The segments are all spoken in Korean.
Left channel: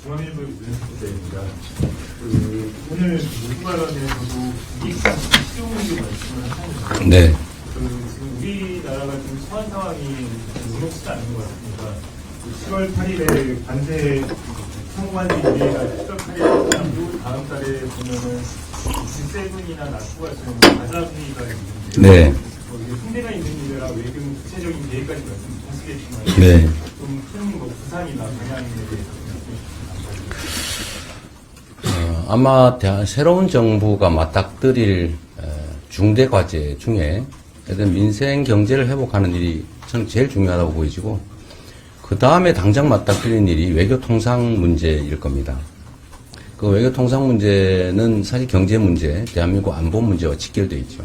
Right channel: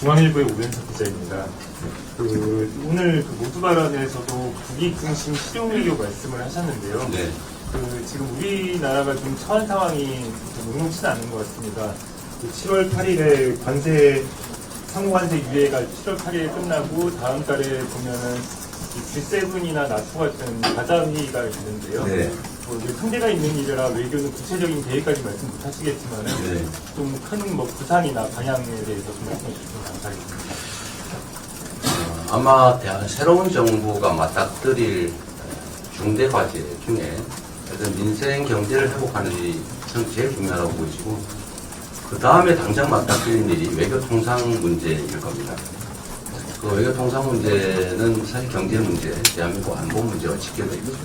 중앙일보의 오변석 기자입니다. 오늘 모두 발언에서도 국익상품 실용외교 말씀을 하셨는데요. 네. 지금 우리나라가 좀 처한 상황이 녹록치 않은 것 같습니다. 7월 8일에 관세 상호관세 유예가 7월 8일에 끝나고 다음 달에 보면은 G7이나 나토 같은 가자음 회의가 있는데요. 네. 상대가 있는 일이라 외교는 구체적인 계획까지 말씀 못 하시겠지만 네. 좀 큰 부상이나 방향에 대해서 좀 말씀해 주시면 감사하겠습니다. 아마 새로운 정부가 맞닥뜨릴 중대 과제 중에 민생 경제를 회복하는 일이 저는 제일 중요하다고 보이지고, 그 다음에 당장 맞닥뜨리는 일이 외교 통상 문제일 겁니다. 그 외교 통상 문제는 사실 경제 문제, 대한민국 안보 문제와 직결되어 있죠.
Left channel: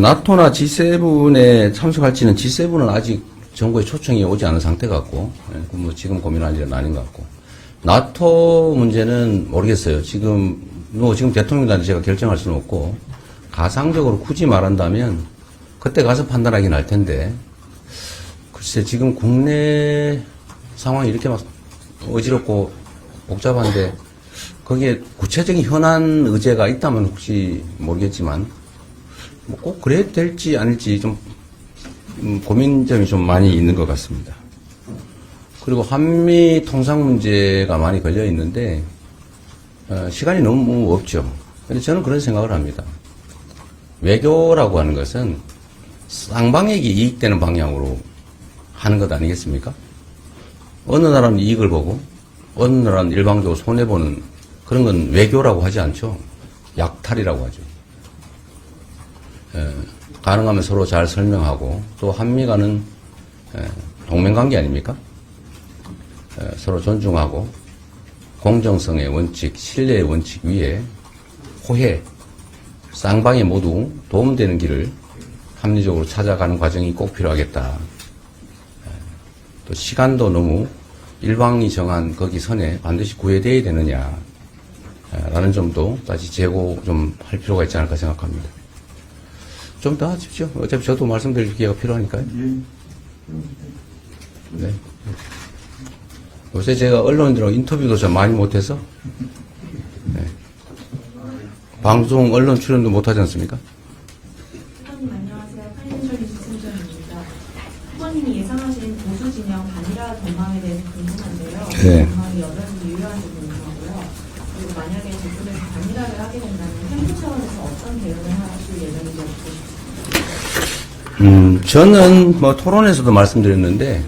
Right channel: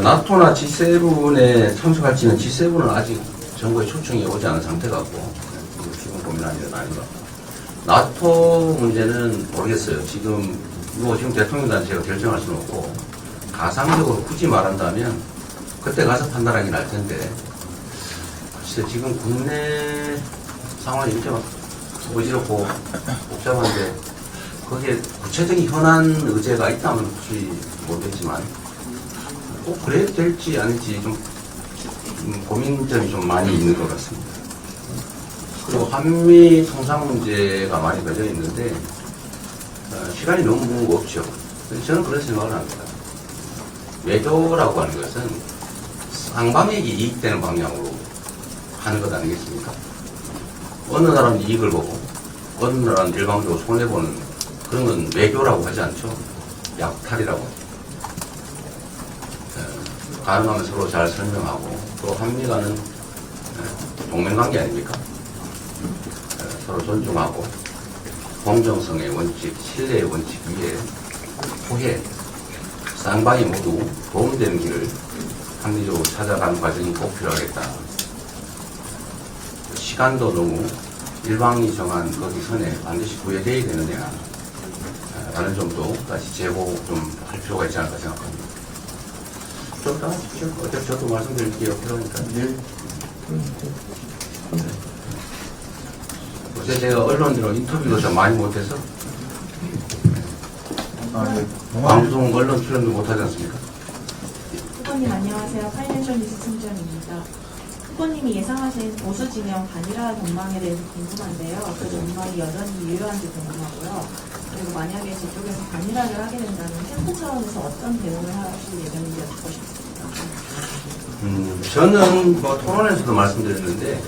나토나 G7에 참석할지는 G7은 아직 정부의 초청이 오지 않은 상태 같고, 뭐 지금 고민할 일은 아닌 것 같고, 나토 문제는 모르겠어요. 지금 대통령단체 제가 결정할 수는 없고, 가상적으로 굳이 말한다면 그때 가서 판단하긴 할 텐데, 글쎄 지금 국내 상황이 이렇게 막 어지럽고 복잡한데 거기에 구체적인 현안 의제가 있다면 혹시 모르겠지만 꼭 그래야 될지 아닐지 좀 고민점이 좀 많이 있는 것 같습니다. 그리고 한미 통상 문제가 많이 걸려 있는데 시간이 너무 없죠. 저는 그런 생각을 합니다. 외교라고 하는 것은 쌍방에게 이익되는 방향으로 하는 것 아니겠습니까? 어느 나라는 이익을 보고 어느 나라는 일방적으로 손해보는 그런 건 외교라고 하지 않죠. 약탈이라고 하죠. 가능하면 서로 잘 설명하고, 또 한미 간은 동맹관계 아닙니까? 서로 존중하고 공정성의 원칙, 신뢰의 원칙 위에 호혜, 쌍방이 모두 도움되는 길을 합리적으로 찾아가는 과정이 꼭 필요하겠다. 시간도 너무 일방이 정한 거기 선에 반드시 구애되어야 되느냐 라는 점도 다시 재고 좀 할 필요가 있지 않을까 생각합니다. 좀 더 하십시오. 어차피 저도 말씀드릴 기회가 필요하니까요. 네. 요새 제가 언론들하고 인터뷰도 좀 많이 못해서 방송 언론 출연도 못하지 않습니까? 후보님 안녕하세요. 파이낸셜 뉴스 팀장입니다. 후보님이 예상하신 보수 진영 단일화 전망에 대해서 궁금한데요. 네. 전망이 여전히 유효한지 궁금하고요. 그리고 만약에 저쪽에서 단일화를 하게 된다면 캠프 차원에서 어떤 대응을 하실 예정인지 듣고 싶습니다. 저는 뭐 토론에서도 말씀드렸는데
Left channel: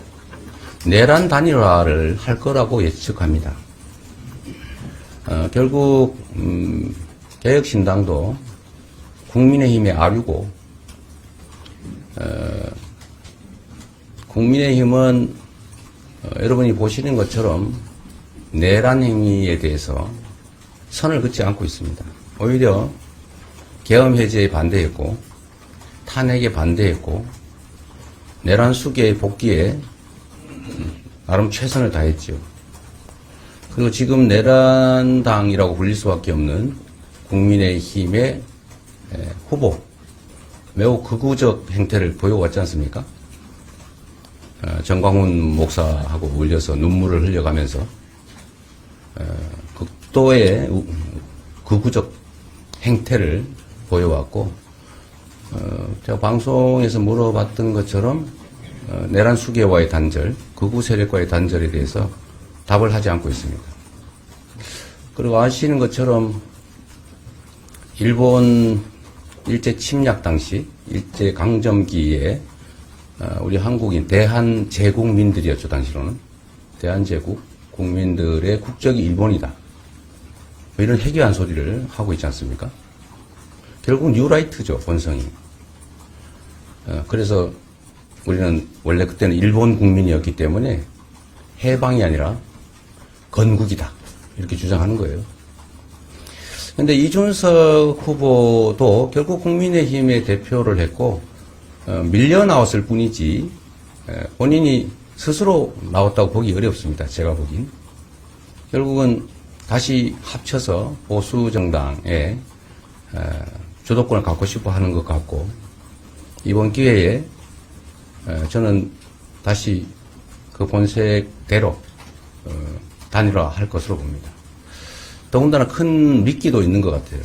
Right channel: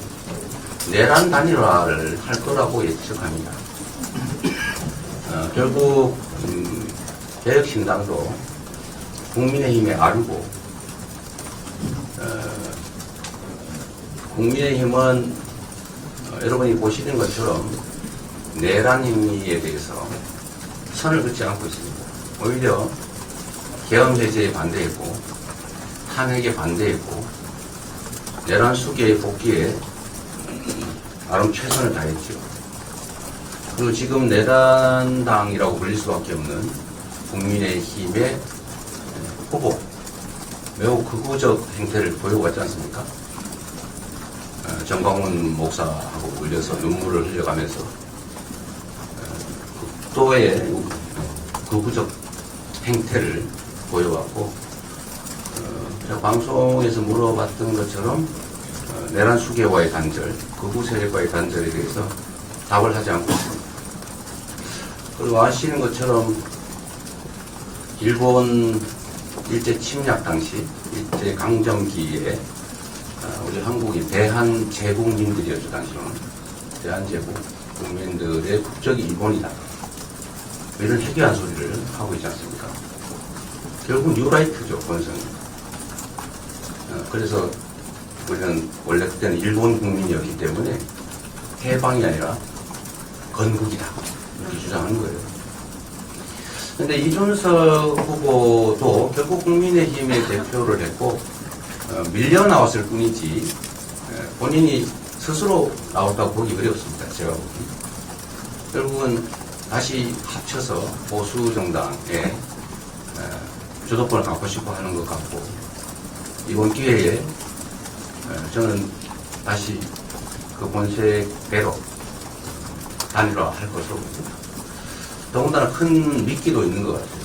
내란 단일화를 할 거라고 예측합니다. 결국 개혁신당도 국민의힘에 아류고, 국민의힘은 여러분이 보시는 것처럼 내란 행위에 대해서 선을 긋지 않고 있습니다. 오히려 계엄 해제에 반대했고, 탄핵에 반대했고, 내란 수계의 복귀에 나름 최선을 다했죠. 그리고 지금 내란당이라고 불릴 수밖에 없는 국민의힘의 후보, 매우 극우적 행태를 보여왔지 않습니까? 정광훈 목사하고 물려서 눈물을 흘려가면서 극도의 극우적 행태를 보여왔고, 제가 방송에서 물어봤던 것처럼 내란 수계와의 단절, 극우 세력과의 단절에 대해서 답을 하지 않고 있습니다. 그리고 아시는 것처럼 일본 일제 침략 당시, 일제 강점기에 우리 한국인 대한제국민들이었죠. 당시로는 대한제국 국민들의 국적이 일본이다, 이런 해괴한 소리를 하고 있지 않습니까? 결국 뉴라이트죠, 본성이. 그래서 우리는 원래 그때는 일본 국민이었기 때문에 해방이 아니라 건국이다, 이렇게 주장하는 거예요. 근데 이준석 후보도 결국 국민의힘의 대표를 했고 밀려 나왔을 뿐이지 본인이 스스로 나왔다고 보기 어렵습니다. 제가 보기. 결국은 다시 합쳐서 보수 정당에 주도권을 갖고 싶어 하는 것 같고, 이번 기회에 저는 다시 그 본색대로 단일화할 것으로 봅니다. 더군다나 큰 미끼도 있는 것 같아요.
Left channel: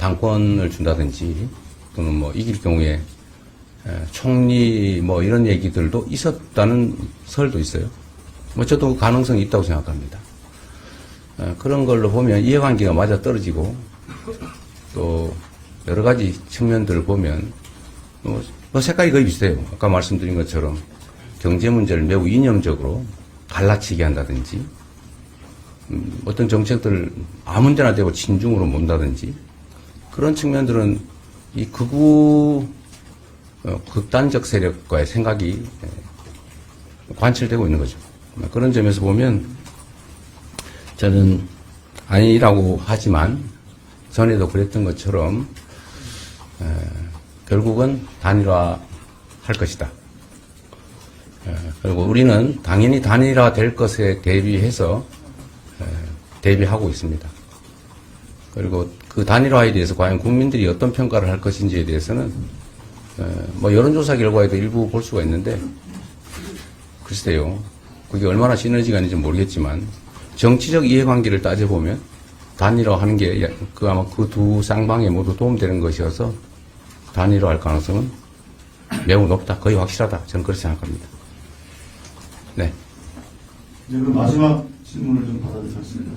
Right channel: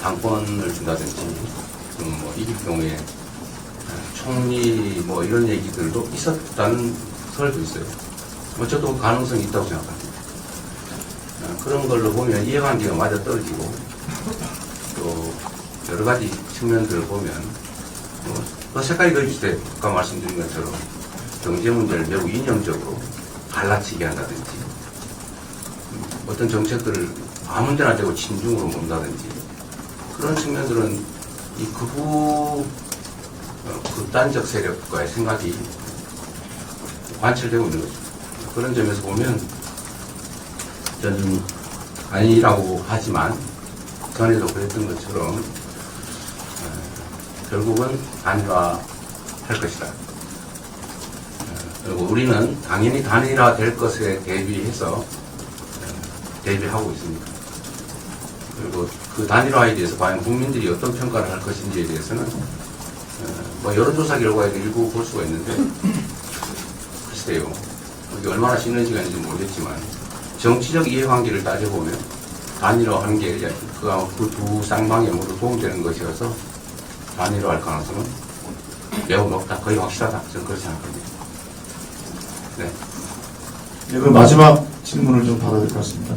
당권을 준다든지, 또는 뭐 이길 경우에 총리 뭐 이런 얘기들도 있었다는 설도 있어요. 뭐 저도 가능성이 있다고 생각합니다. 그런 걸로 보면 이해관계가 맞아 떨어지고 또 여러 가지 측면들을 보면 뭐 색깔이 거의 비슷해요. 아까 말씀드린 것처럼 경제 문제를 매우 이념적으로 갈라치게 한다든지 어떤 정책들을 아무 데나 대고 친중으로 mon다든지 그런 측면들은 이 극단적 세력과의 생각이 관철되고 있는 거죠. 그런 점에서 보면 저는 아니라고 하지만 전에도 그랬던 것처럼 결국은 단일화 할 것이다. 그리고 우리는 당연히 단일화 될 것에 대비해서 대비하고 있습니다. 그리고 그 단일화에 대해서 과연 국민들이 어떤 평가를 할 것인지에 대해서는 뭐 여론조사 결과에도 일부 볼 수가 있는데 글쎄요. 그게 얼마나 시너지가 있는지 모르겠지만 정치적 이해관계를 따져보면 단일화하는 게 그 두 쌍방에 모두 도움되는 것이어서 단일화할 가능성은 매우 높다. 거의 확실하다. 저는 그렇게 생각합니다. 네. 네, 그 마지막 질문을 좀 받아야 될 것 같습니다.